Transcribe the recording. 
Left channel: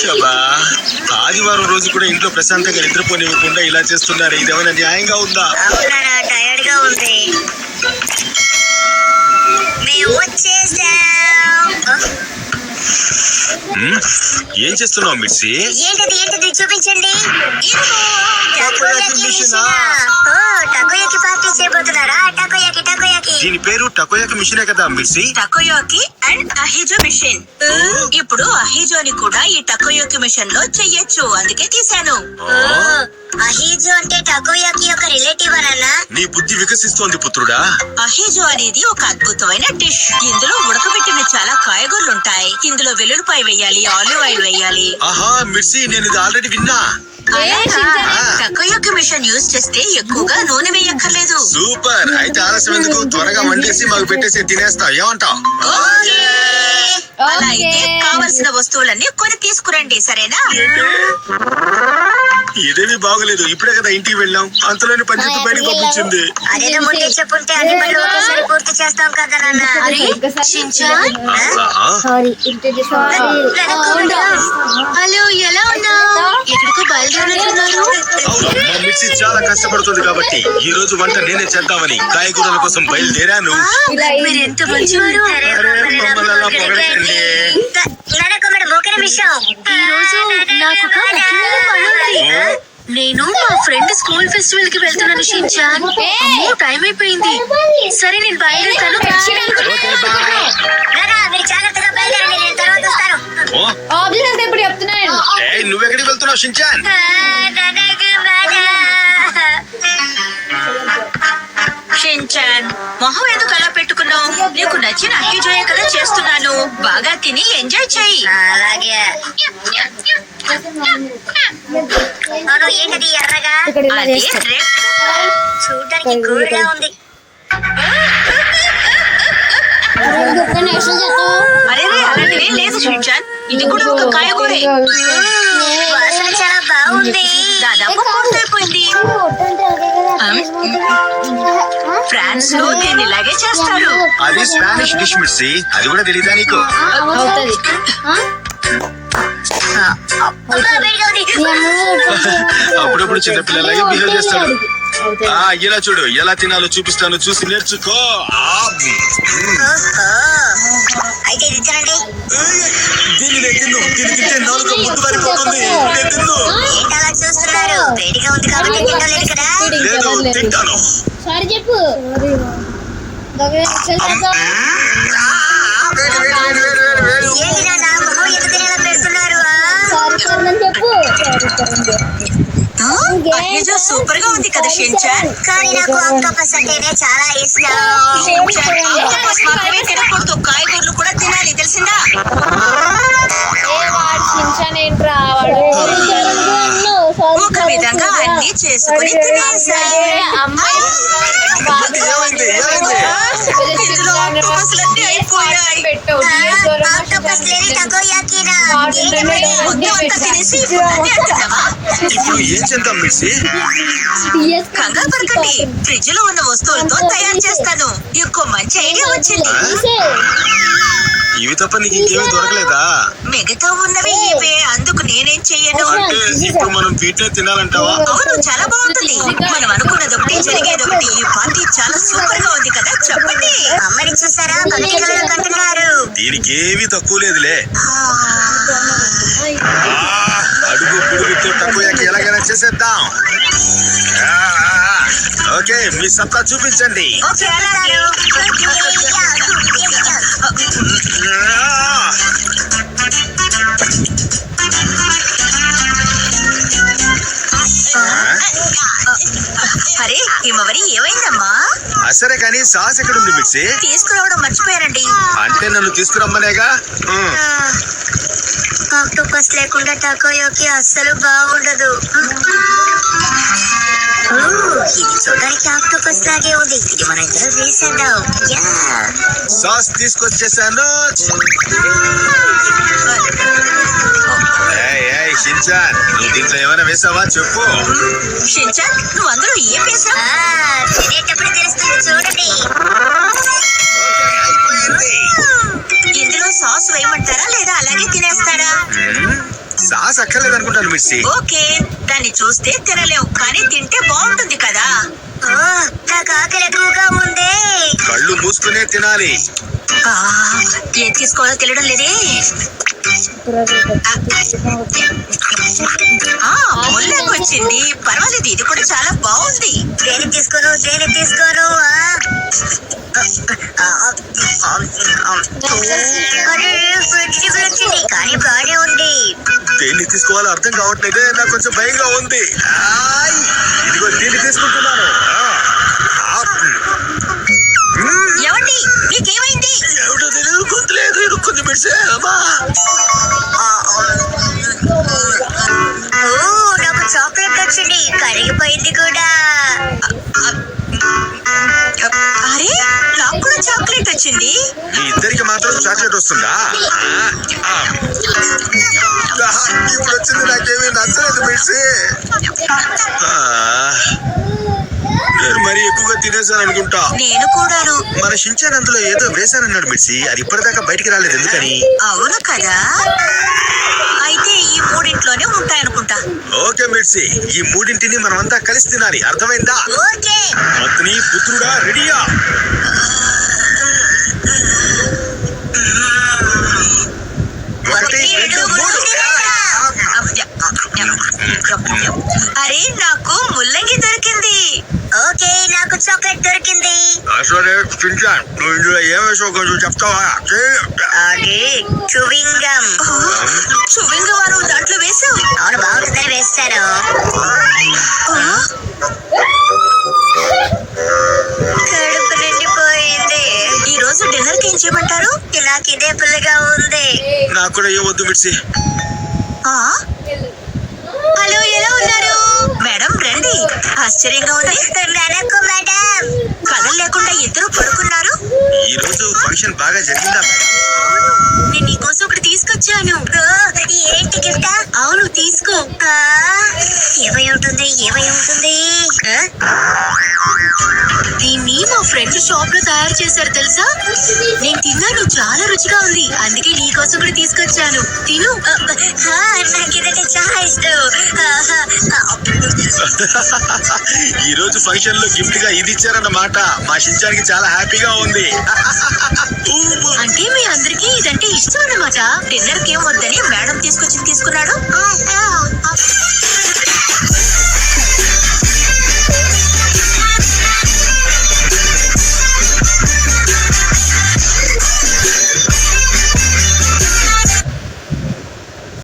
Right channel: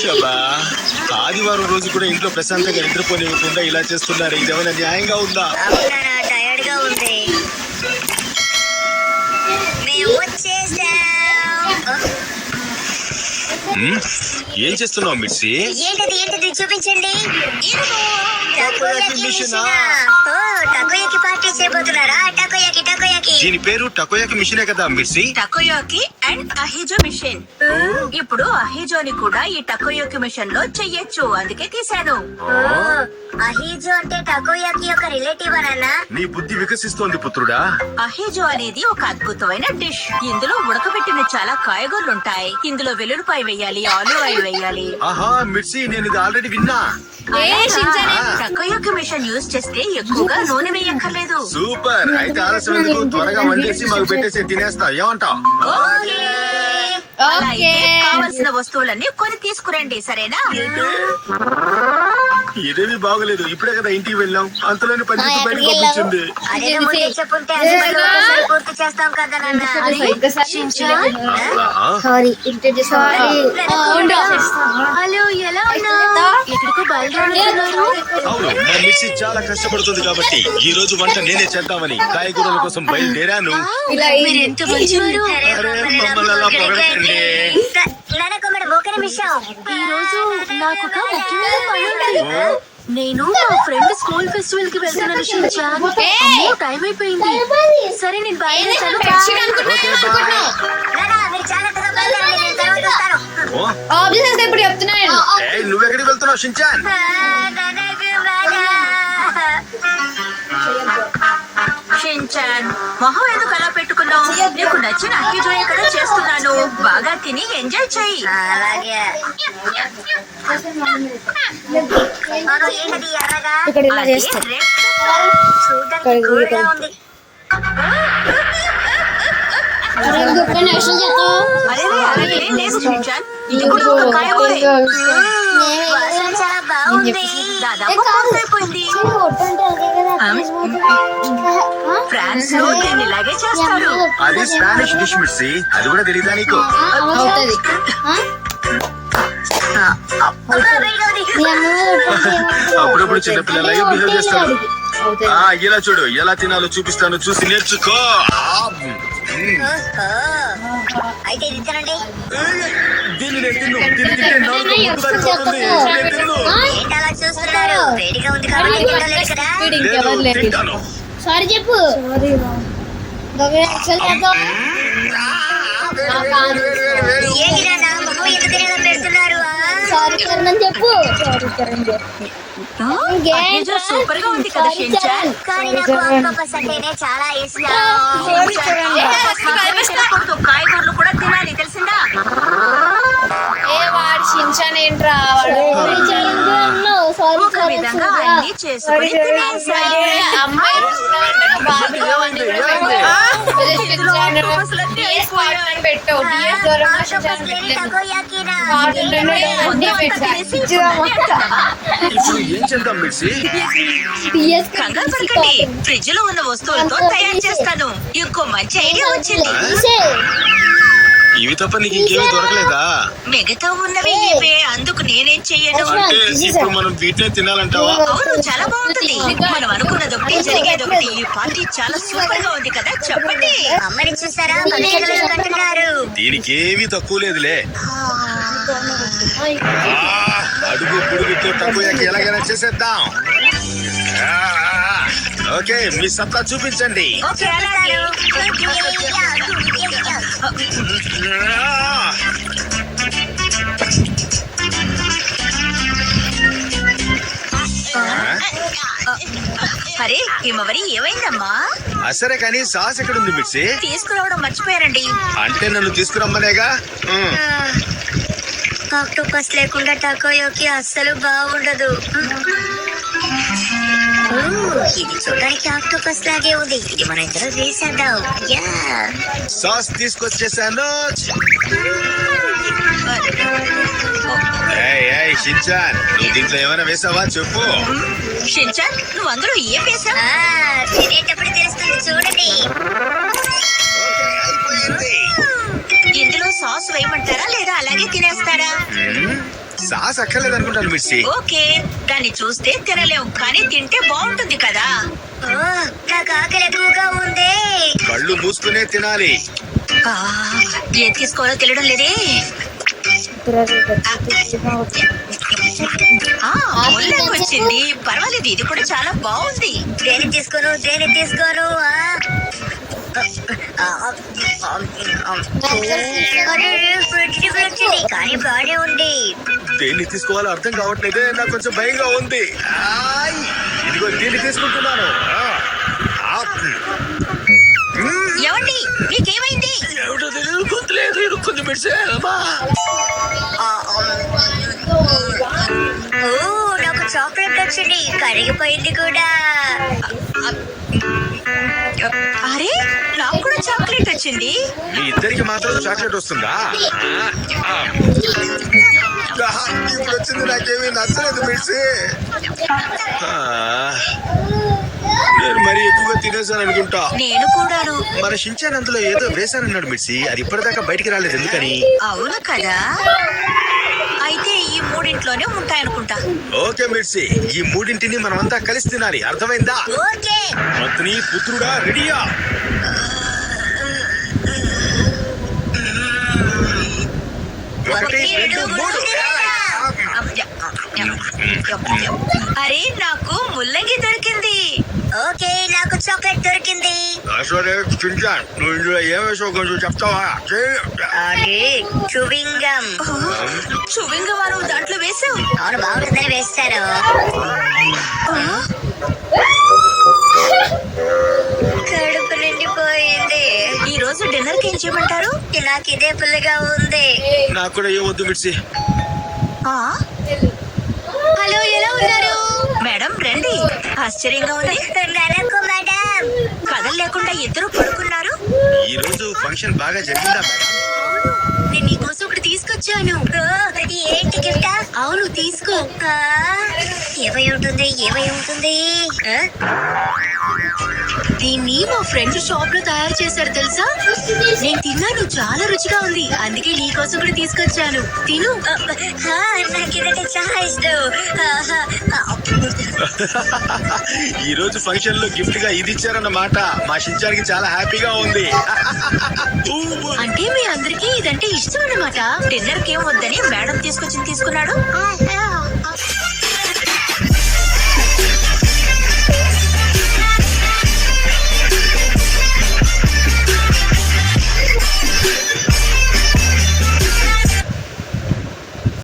శబా, ఆదివారం రోజు కూడా ఇంట్లో ప్రశాంతంగా నిద్రపోనివ్వకుండా ఇలా చేస్తున్నారు. ఇదేమైనా న్యాయంగా ఉందా? అవునా, టైర్డ్ గా ఉంది. మేము వచ్చేసాం. ఏం చేస్తున్నావు మిర్సి? ఏంటది చూపించండి. టకోయాకి పార్టీ చేయబోతున్నారా? టకోయాకి దీని పేరు టకోయాకి మిషనే కదా మిర్సి? టకోయాకి అండ్ అహిజో మిషన్. ఇప్పుడు అహిజోని కూడా ఈ టకోయాకి మిషన్ లో చెయ్యొచ్చు, అందుకే తీశాను. అహిజో అంటే టకోయాకి యొక్క రిలేటివ్ అన్నా? నీ బుద్ధి వికసిస్తోంది పుత్రుడా. అహిజో అనేది ఒక అద్భుతమైన డిష్. ఇందులో ఉడకబెట్టిన చాలా కాయగూరలుంటాయి. ఇందులో వెల్లుల్లిపాయ వేయాలి, ఆలివ్ ఆయిల్ వేయాలి. ఆహా మిర్సి, నేను ఇది ఆల్రెడీ విన్నా. టకోయాకి మిషన్ యూజ్ చేస్తే ఎక్కువగా నూనె వేయక్కర్లేదు. సూపర్. అయితే ఆలస్యం ఎందుకు, త్వరగా వండేసి మాకు పెట్టేసి తినేస్తాం. ఏమంటావు? అలా అయితే కావలసిన వస్తువులన్నీ కొని తీసుకురండి, సరేనా? ఇదేమీ బాగలేదు. ఇప్పుడే కదా ఇంటికి వెళ్ళాం, అంతలోనే పంచాయతీ బయటకు పంపించింది. అదేదో ముందే చెప్పుంటే అన్ని పనులు ఒకేసారి పూర్తి చేస్తాం కదా నాన్న. హలో, ఎలా ఉన్నావు? ఎక్కడికో బయలుదేరుతున్నారు? అవును, మా మిర్చి చాలా కష్టపడుతుంది కాబట్టి ఈ రోజు వంట నేనే చేద్దామని కాయగూరల కోసం బయలుదేరాను. మీరెంత మంచివారు. అరే, మమ్మల్ని అలా పొగడకండి. ఈ రోజు నాకు ఒక ముఖ్యమైన పని ఉంది. నేను మా ఫ్రెండ్ స్కూల్ ఫెస్టివల్ కి వెళ్తున్నాను షించాన్. టైం అయిపోయింది. సరే, నేను బయలుదేరుతాను. ఇప్పుడు చెప్తున్నాను. నువ్వెక్కడికి వెళ్తున్నావు షించాన్? షించాన్, మొహం ఎందుకు అలా పెట్టుకున్నావు? నీకు నచ్చిన అహిజోయే కదా చేస్తున్నాను. బాగా తిని ఎంజాయ్ చెయ్యి. అలాగే. ఏంటది ఎర్రగా? అదే red. చూడడానికి గూడుగా ఉంది. అరే, అలాగే లేదు షించాన్, ఇది కూడా ఒక కాయగూరే. వాసన చాలా బాగుంది. దాదాపు పూర్తయిపోయింది. ఫ్రాన్స్ లో దీన్ని ఇలాగే చేస్తారు. అది స్పానిష్ డిష్ మిర్సి, అది కూడా తెలీదా నీకు? అవుతుంది. అప్పుడప్పుడు చిన్నపిల్లలాగే బిహేవ్ చేస్తాడు. ఇలా చూడు, ఎలా తినాలో చూపిస్తాను, చూసి నేర్చుకో. అయితే ఇది తినండి. దీన్ని నేను తిన్ను. దీన్ని తింటే నాలుగు ముద్దు వారిపోతుంది. నేను తిన్ను. ఏంటలా చూస్తున్నారు? వేడిగా ఉంది కాబట్టి తినలేదు కదా. లేదు, తింటాను. సారీ చెప్పు. ఏంటి నాన్న, మొహం ఎందుకు తినేలా పెడుతున్నారు? చెప్పు. అహిజో సూపర్ గా ఉంది కదా షించాన్. కానీ నాకు ఆక్టోపస్ అంటేనే చాలా ఇష్టం. ఆక్టోపస్ మాత్రమే తినకూడదు, కాయగూరలు కూడా తినాలి, తెలిసిందా? ఒక విధంగా అన్ని చేసుకుని తినేసాయి. ఏమైంది? ఇందులో ఆక్టోపస్లన్నీ అయిపోయాయి. ఆక్టోపస్ లేని టకోయాకీనా? మొత్తం అంతా తినేసి ఇప్పుడు నన్ను అంటున్నావా? ఇప్పుడు ఏం చేద్దాం మిర్సి? కంగారు పడకండి, ఫ్రిడ్జ్ లో ఉన్న వస్తువులతో తయారు చేస్తాను. ఇంకో మంచి ఐడియా వచ్చింది. ఇవి తప్ప నీకు ఇంకేమీ దొరకలేదా? మిగతా ఉన్నవి ఇవే, అందుకు నేనేం చెయ్యను. అంటే ఇప్పుడు మనం వీటినే తినాలంటావా? అవును, చాలా బాగుంటుంది. మనం అనుకున్నది ఒకటి, జరిగేది ఒకటి. ఈ పార్టీ చాలా సూపర్ గా ఉంది కదా, చెప్పండి. అమ్మని చూసారా? కంటున్నారు. దీనికి ఏమీ తక్కువ లేదులే. అడుగు పొడుగుతో తక్కువకి ఎలాగైనా చేసేద్దాం. ఓకే, మీ సత్తా చూపించండి. ఓకే, అలాగే. అరే హిమవరి, ఏమైందమ్మా? సరే కానీ సాస్ ఎక్కడుంది మిర్సి? తీసుకురావడం మర్చిపోయారండి. అంటే నన్ను తీసుకురమ్మనేగా. ఆక్టోపస్ లేకుండా టకోయోకి అస్సలు బాగుండదు. ఇది చూడడానికి ఆక్టోపస్ లాగే ఉంది. ఇది మన ఇద్దరు వేసేద్దాం. సాస్ తీసుకొచ్చేసాను. షించాన్, నువ్వు దీంట్లో ఏమైనా వేసావా చెప్పు. షించాన్, నువ్వు అందులో ఏం వేసావు? తినేటప్పుడు తెలుస్తుంది, చూడండి. ఇందులో సాస్ వేయమంటారా లేదా అలాగే తినేస్తారా? సాస్ అక్కర్లేదు అనుకుంటాను మిర్చి. ఓకే, దాన్ని చూస్తే తినలేవు కానీ తింటే బాగుంటుంది కదా. నాకు ఆకలి ఎక్కువగా ఉంది. కళ్ళు మూసుకునే తినాలి. ఏం తీసుకోవాలో తెలియడం లేదే. ముల్లంగి వచ్చింది, పర్వాలేదు, ఇది కూడా చాలా బాగుంది. దేని తీసుకోను కానీ బాగానే ఉంది. దేన్ని తీసుకోవాలో అర్థం కావట్లేదే, నాకు కొంచెం భయంగా ఉంది. ఇదిగో దీన్ని తీసుకుంటున్నాను. ఏమండి, మీకేమైంది? ఎవడో తెలియదు, గొంతులేదు ఇరుక్కుంది మిర్చి. నాకు చాక్లెట్ వచ్చింది, కరిగిపోయింది కూడా. అరే, నాకు కూడా చాక్లెట్ వచ్చింది. మీ ఇద్దరికి మాత్రం చాక్లెట్ వస్తుందా? ఇప్పుడు వచ్చింది నాకేమీ నచ్చలేదు మిర్చి. నేను మరీ ఎక్కువగా తినేసాను అనుకుంటా. నేను కూడాను. మన షించాన్ అందులో ఏదో వేశానన్నాడు మిర్చి, అది ఇప్పటిదాకా బయటికి రాలేదు, ఎందుకని? అవును కదా, అయితే ఈ మూడింట్లోనే ఉంటాయనుకుంటా. ఓకే మిర్చి, ఈ మూడింటిని మనమంతా కలిసి తినాలి, అర్థమైందా? ఓకే. పత్ని పుత్రుడా రెడీయా? ఒకటి, రెండు, మూడు. అరే, నాకు ముల్లంగి దొరికింది. ఓకే, నాకు చాక్లెట్ దొరికింది. సరే షించాన్, నువ్వు ఇందులో ఏం వేసావు కొంచెం చెప్తావా? అది చూవింగం. చూవింగం దాంట్లో వేసావు? అవును, బాగుంటుందని వేస్తాను. కడుపు నిండిపోయింది. ఈ రోజు డిన్నర్ కి ఏం చేయమంటారు? నాకు ఇదే పుల్లగా ఉంది. నాకు కూడా ఏం వద్దు మిర్చి. హలో, ఎలా ఉన్నారు? మేడం రండి. ఆశ్చర్యంగా ఉంది. మేడం, కథలు లేకుండా ఇద్దరు పడుకున్నారు. ఈ రోజు ఫంక్షన్ బాగా జరిగిందా మేడం? నేను నీకోసం ఒకటి తీసుకొచ్చాను. ఏంటి గిఫ్ట్? అవును, తీసుకో. ఏమై ఉంటుంది? దీన్ని మా ఫ్రెండ్ షాప్ లో తయారు చేశారు తెలుసా? నేను తిన్నాను, చాలా రుచిగా ఉంది, అందుకే నీకోసం కూడా తీసుకొచ్చాను. తిను. నాకు ఇదంటే చాలా ఇష్టం. ఈ రోజు ఫంక్షన్ లో గిఫ్ట్ గా ఇది ఇచ్చారన్నమాట. మా షించానికి చాలా హ్యాపీగా ఉంది. అంటే మీ అందరికీ ఇదంటే ఇష్టం అన్నమాట. డిన్నర్ కి ఏం వద్దని మేడం తీసుకొచ్చింది తీసుకున్నాడు.